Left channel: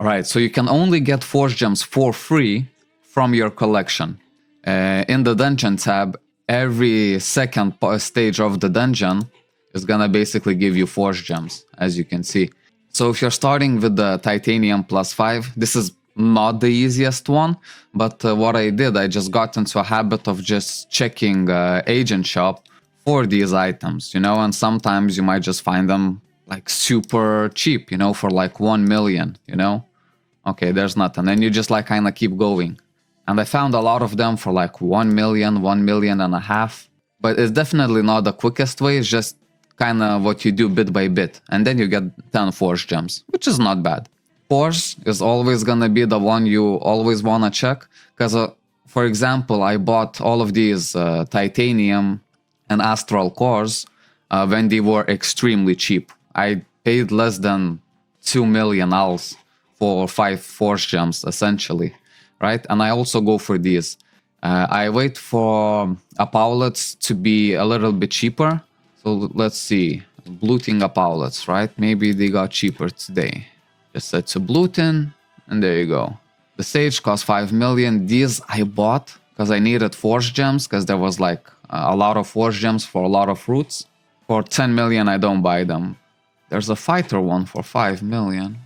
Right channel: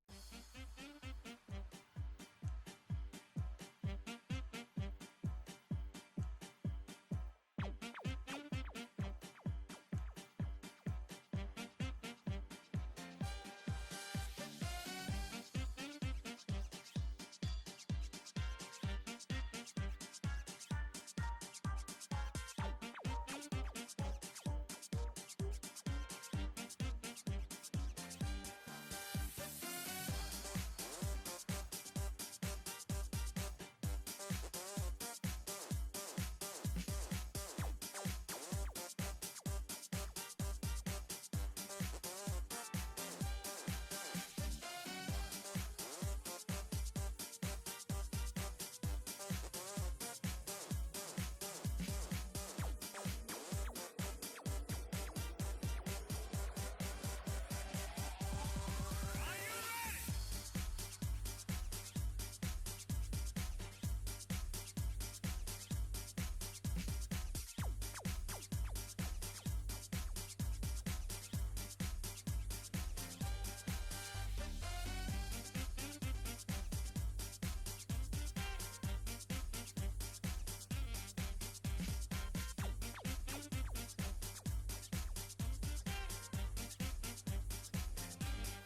Right, so you can only get force gems for free from your collection. In the dungeon tab, every second stage of the dungeon is gonna basically give you force gems, as you can see. So if you're starting with the titanium +5, this is not the easiest one, but what I did, I just got into a habit of just checking agent shop for these items, you know, and sometimes you might just find them like super cheap, you know, for like 1 million, you know. Okay, there's nothing, and you just like kind of keep going. And I found a lot of them for like 1 million, 1.5 million, but it's definitely not the quickest way. It's just kind of what you do bit by bit, and then you get 10 force gems, which is not bad. Force is always gonna be the one you always wanna check, because for example, I bought all of these titanium and astral cores when they were extremely cheap. I paid less than 2 million ALs for 5 force gems essentially, right? And I also go for these. I wait for Apollets to be a little bit cheaper. So let's see, Bluting Apollets, right? Maybe they got cheaper today. Just set to Blutin, and there you go. The Sage cost 5 million. These I bought because I needed force gems, because there was like a lot of force gems for a lot of fruits. For 10 million, I don't buy them. There's a fighter one for 5 million.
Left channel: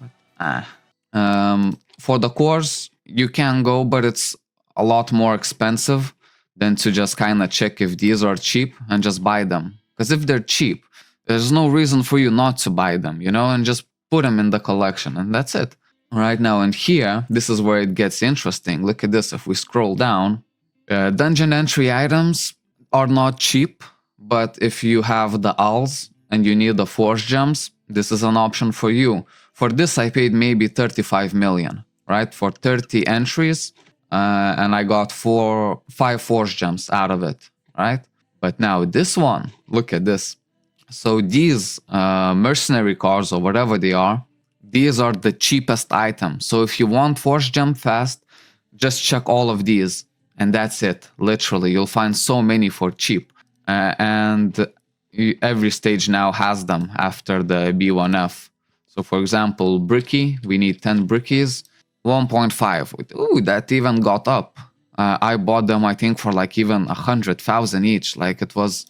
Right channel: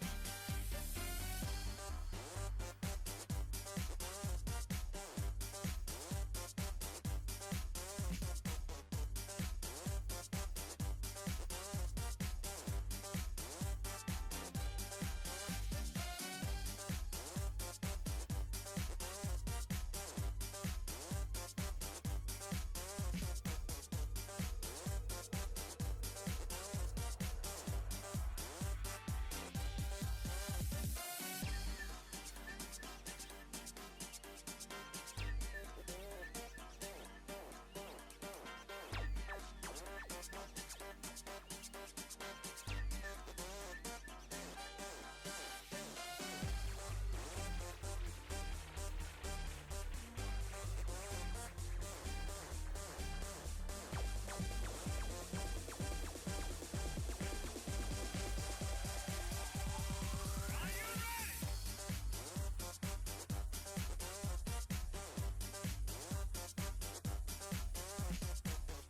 For the cores, you can go, but it's a lot more expensive than to just kind of check if these are cheap and just buy them. Because if they're cheap, there's no reason for you not to buy them, you know, and just put them in the collection, and that's it. Right now, and here, this is where it gets interesting. Look at this. If we scroll down, dungeon entry items are not cheap, but if you have the ALs and you need the force gems, this is an option for you. For this, I paid maybe 35 million, right? For 30 entries, and I got 5 force gems out of it, right? But now this one, look at this. So these mercenary cards, or whatever they are, these are the cheapest items. So if you want force gem fast, just check all of these, and that's it. Literally, you'll find so many for cheap, and every stage now has them after the B1F. So for example, Bricky, we need 10 Brickies, 1.5. Ooh, that even got up. I bought them, I think, for like even 100,000 each. Like it was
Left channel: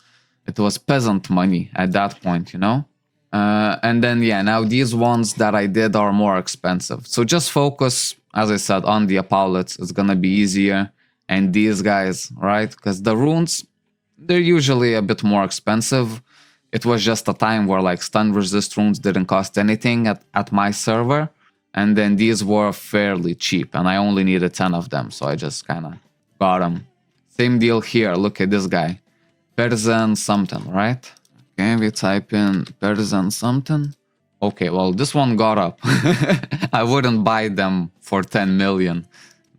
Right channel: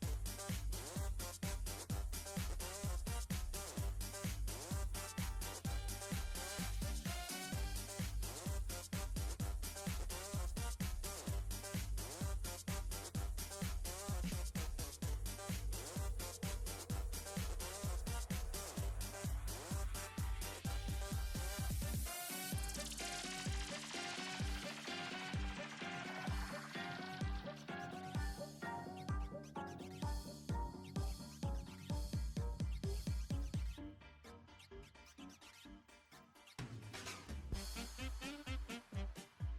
peasant money at that point, you know. And then yeah, now these ones that I did are more expensive. So just focus, as I said, on the Apollets. It's gonna be easier. And these guys, right? Because the runes, they're usually a bit more expensive. It was just a time where like stun resist runes didn't cost anything at my server. And then these were fairly cheap, and I only needed 10 of them, so I just kind of got them. Same deal here, look at this guy. Persian something, right? Okay, we type in Persian something. Okay, well, this one got up. I wouldn't buy them for 10 million.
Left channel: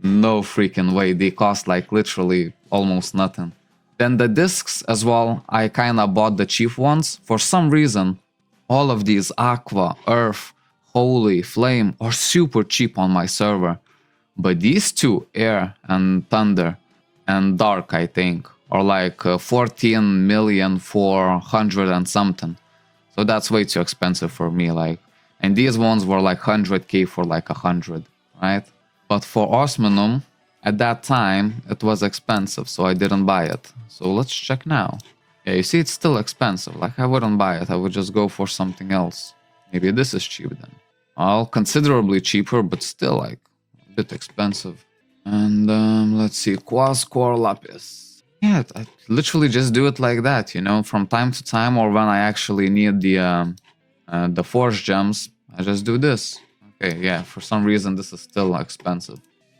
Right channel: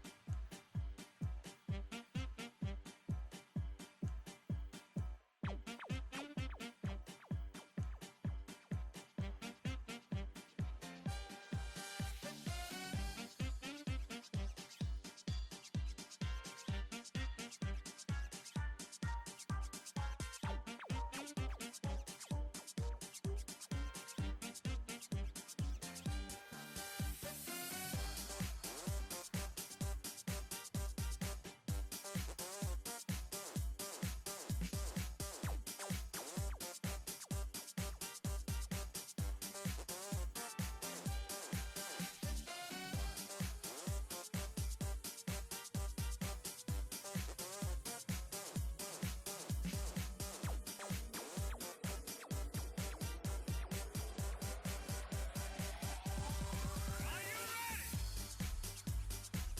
No freaking way, they cost like literally almost nothing. Then the discs as well, I kind of bought the cheap ones. For some reason, all of these Aqua, Earth, Holy, Flame are super cheap on my server. But these two, Air and Thunder and Dark, I think, are like 14 million for 100 and something. So that's way too expensive for me. Like, and these ones were like 100k for like 100, right? But for Osmanum, at that time, it was expensive, so I didn't buy it. So let's check now. Yeah, you see, it's still expensive. Like, I wouldn't buy it. I would just go for something else. Maybe this is cheap then. Well, considerably cheaper, but still like a bit expensive. And let's see, Quas Core Lapis. Yeah, I literally just do it like that, you know, from time to time, or when I actually need the force gems, I just do this. Okay, yeah, for some reason this is still expensive.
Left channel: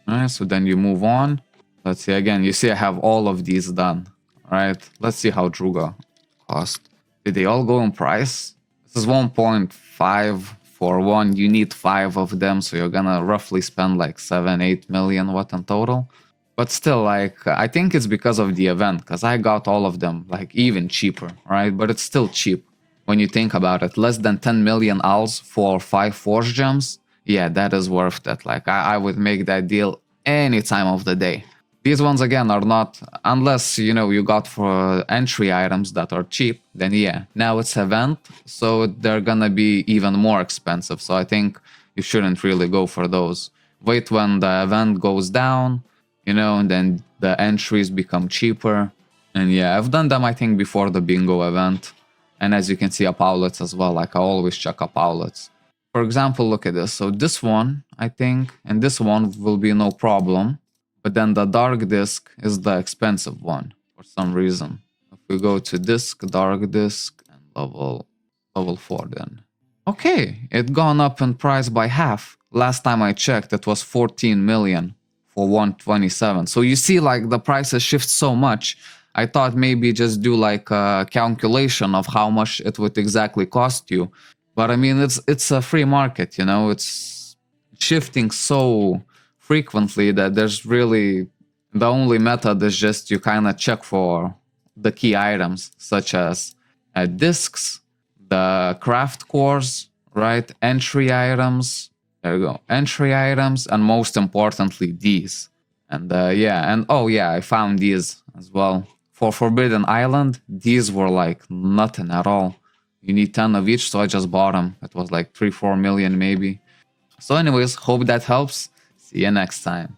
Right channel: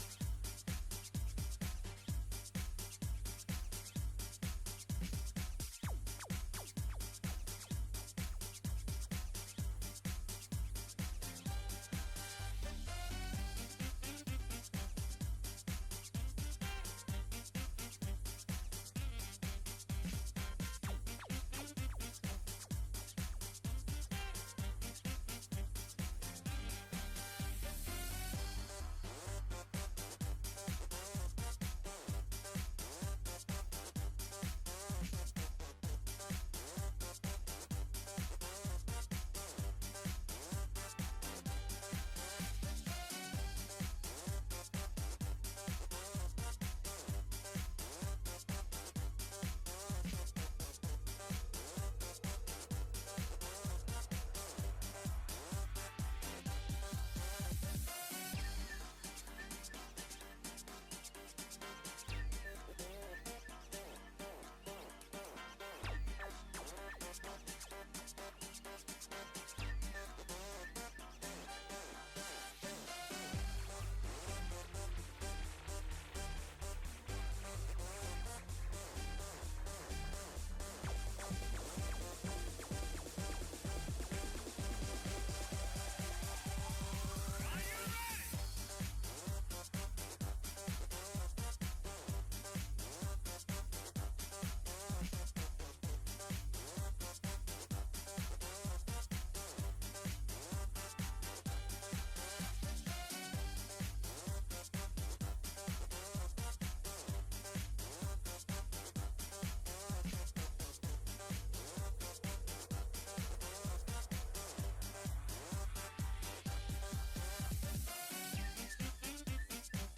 Alright, so then you move on. Let's see again, you see I have all of these done. Alright, let's see how Druga cost. Did they all go in price? This is 1.5 for one. You need 5 of them, so you're gonna roughly spend like 7-8 million what in total. But still, like, I think it's because of the event, because I got all of them like even cheaper, right? But it's still cheap when you think about it. Less than 10 million ALs for 5 force gems. Yeah, that is worth it. Like, I would make that deal any time of the day. These ones, again, are not, unless, you know, you got for entry items that are cheap, then yeah. Now it's event, so they're gonna be even more expensive. So I think you shouldn't really go for those. Wait when the event goes down, you know, and then the entries become cheaper. And yeah, I've done them I think before the bingo event. And as you can see, up outlets as well, like I always check up outlets. For example, look at this. So this one, I think, and this one will be no problem. But then the dark disc is the expensive one for some reason. If we go to disc, dark disc, level 4 then. Okay, it gone up in price by half. Last time I checked, it was 14 million for 127. So you see, like, the prices shift so much. I thought maybe just do like a calculation of how much it would exactly cost you. But I mean, it's a free market, you know, it's shifting so frequently that there's really, the only method is just you kind of check for the key items, such as discs, the craft cores, right? Entry items, there you go, entry items, and most importantly, these. And yeah, and oh yeah, I found these as well. For Forbidden Island, these were like nothing at all. You need 10 of each, so I just bought them. It was like 3-4 million maybe. So anyways, hope that helps. See you next time.